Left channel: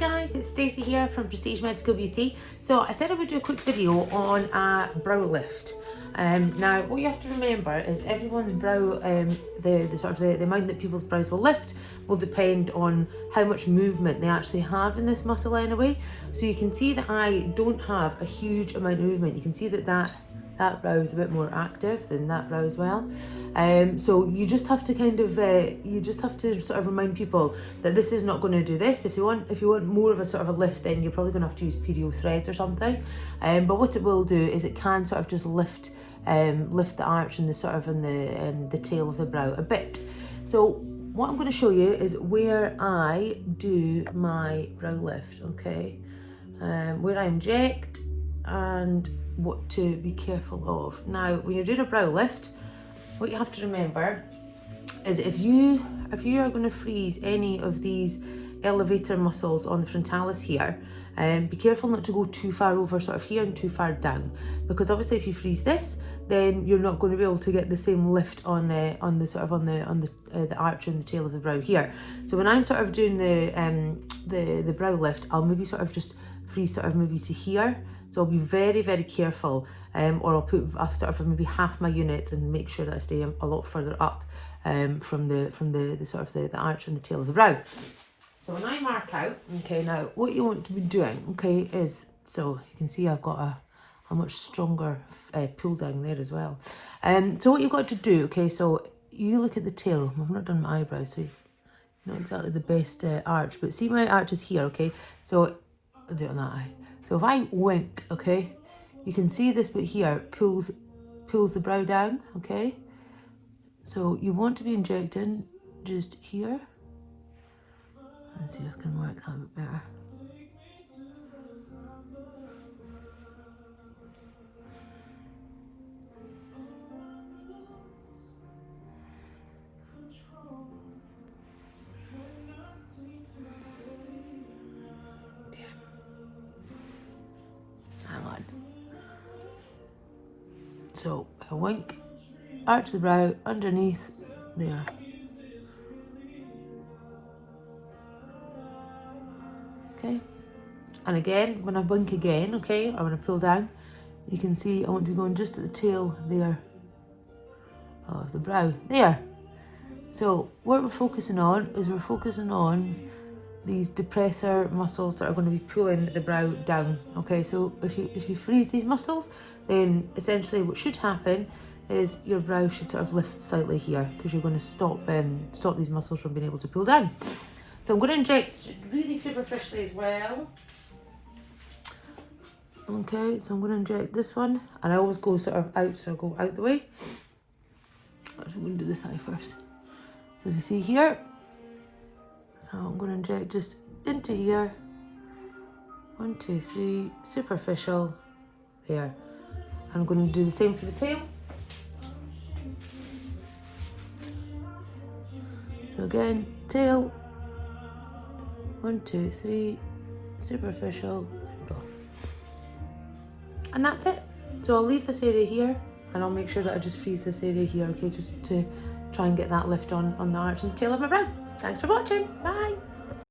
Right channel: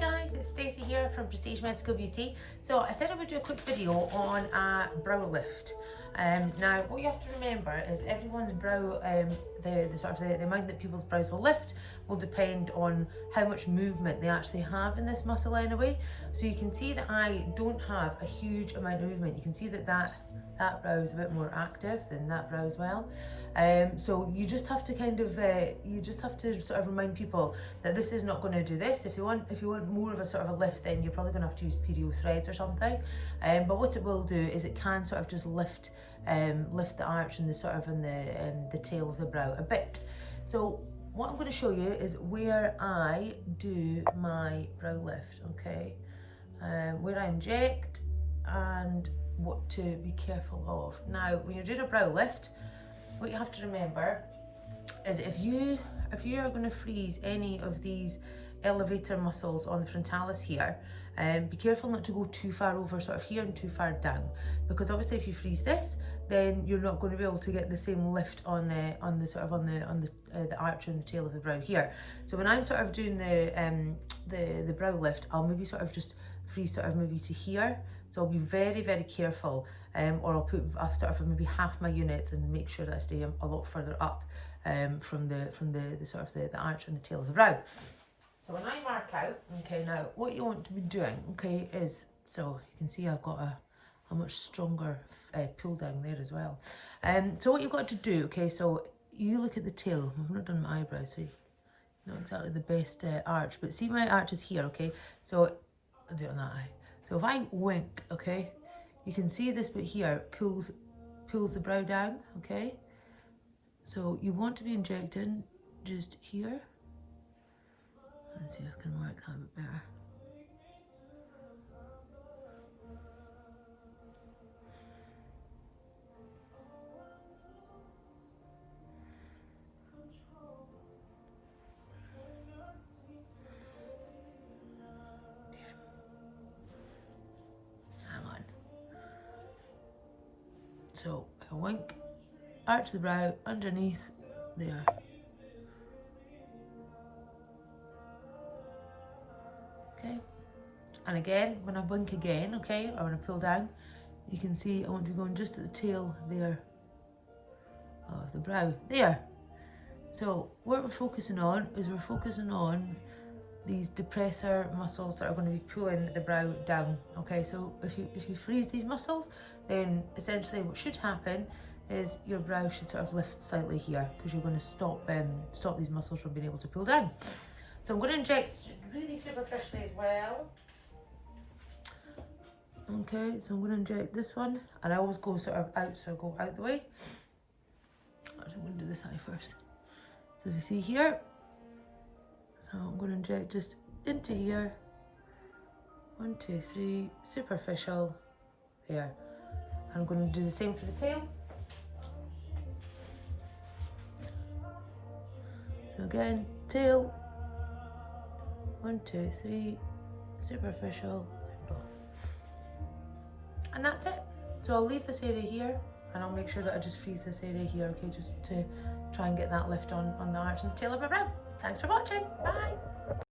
guys, it's Stacey here from Prestige Medical Beauty. So I said I would do a quick video on a brow lift. Now what you have to remember is everyone's brow, the amount that people's brows will lift will depend on how much movement they actually have in this muscle anyway. So you can see that I don't have a huge amount of movement. You can see that that brow is a bit more active than that brow as well. So you just have to kind of, sort of remind people that this is not going to do this. If you want more of a sort of a lift, then you're probably going to have to use PDO threads or something. But what it will do is it can sort of just lift the arch and the sort of the tail of the brow a bit. So what I'm going to show you is where I do my brow lift, okay? Where I inject and what to be careful of. Now, when you're doing a brow lift, what you have to remember is if you are going to freeze any of these elevator muscles on the frontalis here, be careful not to go too far over sort of here and too far down, because obviously if you freeze this, then you're not going to be able to get the same lift on the arch and the tail of the brow here. So when I'm sort of doing the brow lift, I'll maybe sort of just freeze sort of maybe to here. So I'll be very, very careful, or I'll put sort of maybe half my units and make sure that I stay a lot further up from the sort of the arch and the tail of the brow. So when I mark out, okay, now what you want to be doing, okay, is, so you can see I've got a much stronger pull down there as well. So what you've got to do, okay, so you look at the tail. I've not done my eyebrows, so not exactly the best arch, but see my arch is here, okay? So I'll do it on that eye. So if I wink, okay, you can see this bit here pulls the brow down, okay? So you want to be injecting just here. Let's see if I can work that a bit better. So I wink, arch the brow underneath there. Okay, and again, when I wink again, okay, or when I pull down, you can see I want to be going just at the tail there of the brow, there. So what we're focusing on is we're focusing on these depressor muscles that are going to be pulling the brow down, okay? So if you freeze these muscles, then essentially what should happen is your brow should sort of lift slightly here, because you're going to stop these muscles from being able to pull down. So I'm going to inject really superficially as well. Okay, so I'm going to inject this one, and I always go sort of out, so I go out the way. I'm going to do this eye first. So if you see here, so I'm going to inject just into here. 1, 2, 3, superficial, there. I'm going to do the same for the tail. So again, tail, 1, 2, 3, superficial, there we go. And that's it. So I'll leave this area here, and I'll make sure that I just freeze this area here, okay, just to try and get that lift on the arch and the tail of my brow. Thanks for watching. Bye.